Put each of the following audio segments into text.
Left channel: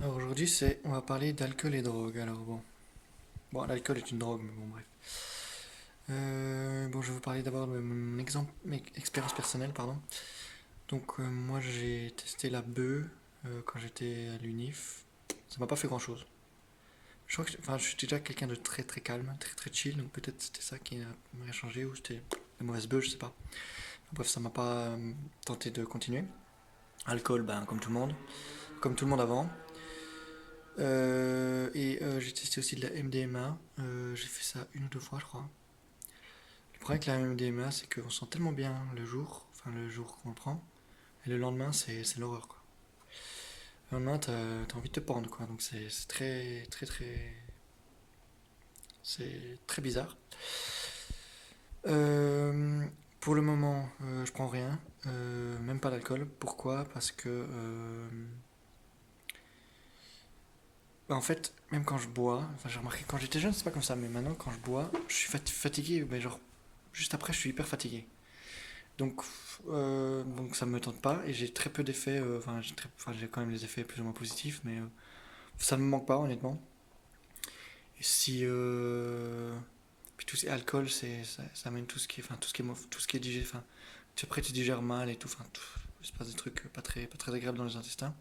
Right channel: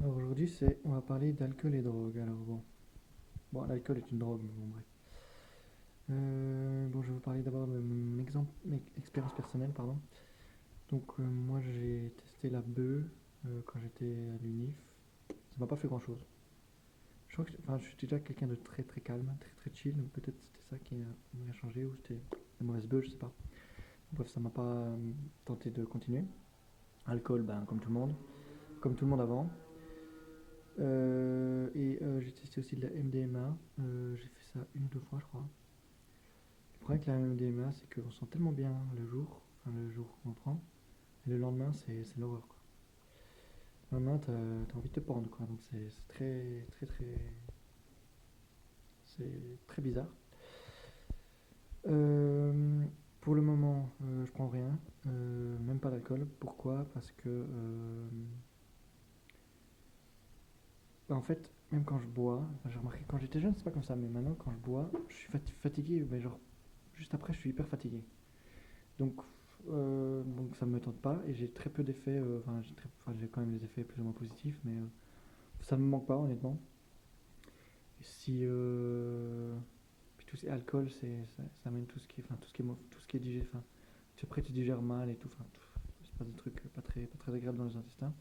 Alors aujourd'hui, on va parler d'alcool et drogue. Alors bon, l'alcool est une drogue, mais bon, bref. Bon, je vais vous parler d'abord de mon expérience personnelle, pardon. Donc moi, j'ai testé la bœuf quand j'étais à l'UNIF. Ça m'a pas fait grand-chose. Je crois que, enfin, je suis déjà quelqu'un de très très calme, très très chill, donc peut-être c'était ça qui m'a changé ou c'était la mauvaise bœuf, je sais pas. Bref, ça m'a pas tenté de continuer. Alcool, ben comme tout le monde avant. J'ai testé aussi de la MDMA. J'ai fait ça une ou deux fois, je crois. Le problème avec la MDMA, c'est qu'on sent tellement bien le jour qu'on le prend, et le lendemain, c'est l'horreur, quoi. Le lendemain, t'as envie de te pendre, quoi. Donc c'est très, très, très. C'est très bizarre. Euh, pour le moment, je prends rien, même pas d'alcool. Pourquoi? Parce que bah, en fait, même quand je bois, enfin j'ai remarqué quand j'étais jeune, c'est pas comme ça, mais maintenant quand je bois, je suis fatigué, mais genre juste après, je suis hyper fatigué. Donc ça me tente pas et j'ai très peu d'effets. J'ai quand même des effets plus ou moins positifs, mais ça me manque pas honnêtement. Et si puis tout ce qui est alcool, ça amène tout ce qui est digéré. Enfin, après tu digères mal et tout. Enfin, il se passe des trucs pas très agréables dans les intestins.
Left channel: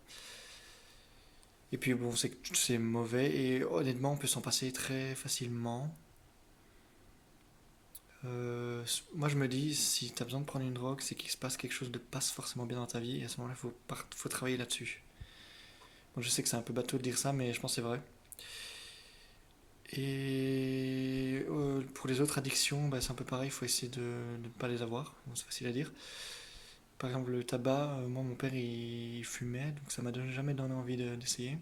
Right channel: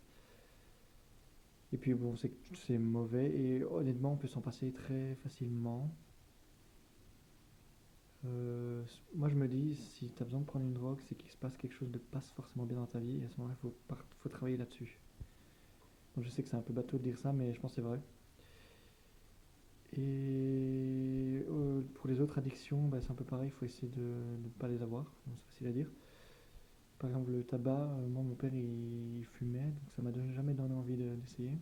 Et puis bon, c'est mauvais et honnêtement, on peut s'en passer très facilement. Moi, je me dis, si tu as besoin de prendre une drogue, c'est qu'il se passe quelque chose de passe forcément bien dans ta vie, et à ce moment-là, faut travailler là-dessus. Bon, je sais que c'est un peu bateau de dire ça, mais je pense que c'est vrai. Et pour les autres addictions, bah, c'est un peu pareil, il faut essayer de ne pas les avoir. Bon, c'est facile à dire. Par exemple, le tabac, moi, mon père, il fumait, donc ça m'a jamais donné envie d'essayer.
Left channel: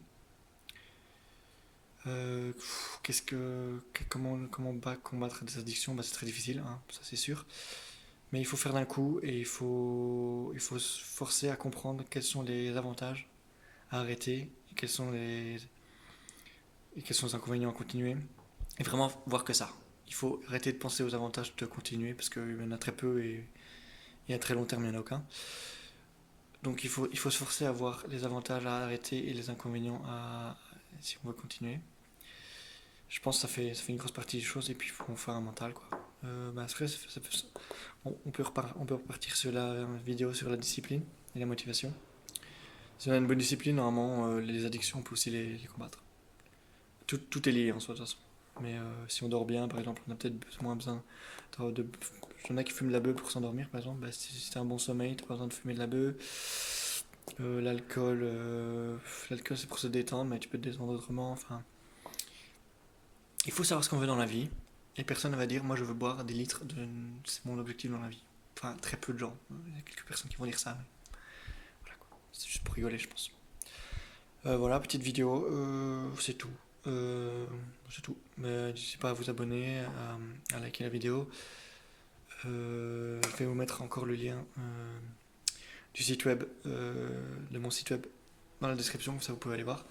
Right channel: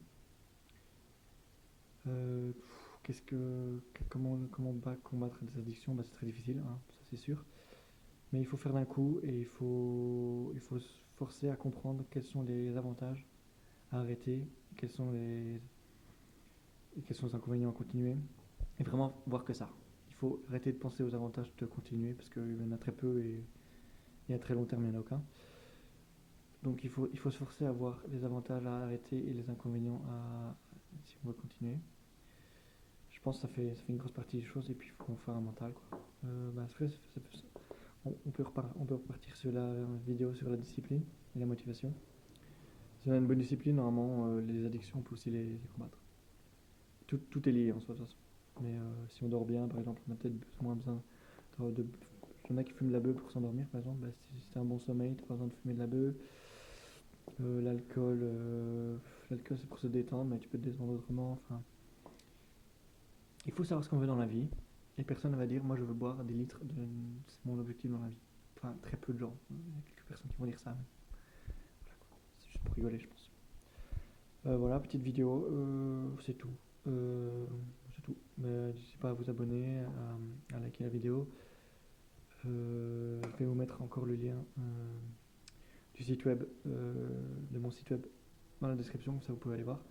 Comment combattre des addictions, bah, c'est très difficile, hein, ça c'est sûr. Mais il faut faire d'un coup et il faut se forcer à comprendre quels sont les avantages à arrêter et quels sont les inconvénients à continuer. Et vraiment voir que ça. Il faut arrêter de penser aux avantages de continuer parce qu'il y en a très peu et à très long terme il n'y en a aucun. Donc il faut se forcer à voir les avantages à arrêter et les inconvénients si on veut continuer. Je pense que ça fait une grosse partie des choses et puis il faut faire un mental, quoi. Après, on peut repartir sur la vidéo sur la discipline et la motivation. Si on a une bonne discipline, normalement, les addictions, on peut aussi les combattre. Tout est lié en soi, de toute façon. Mais si on dort bien, par exemple, on a peut-être moins besoin de. Il y en a qui fument de la beuh pour s'endormir, par exemple. Bah, si t'as un bon sommeil, t'as pas besoin de fumer de la beuh. L'alcool, c'est pour se détendre, mais tu peux te détendre autrement. Enfin, il faut savoir ce qu'on veut dans la vie. Et personne ne va dire, moi je veux boire des litres, c'est mon objectif dans la vie. Enfin, très peu de gens. Il y a quelques personnes qui vont dire ça, mais voilà quoi. C'est juste pour rigoler, je pense. Voilà, petite vidéo, c'est tout. C'est tout. Mais n'hésitez pas à vous abonner, à liker la vidéo. Je vais vous mettre encore le lien du site web, de mon site web dans la description, ça vous pouvez aller voir.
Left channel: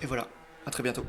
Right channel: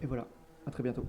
Et voilà, à très bientôt.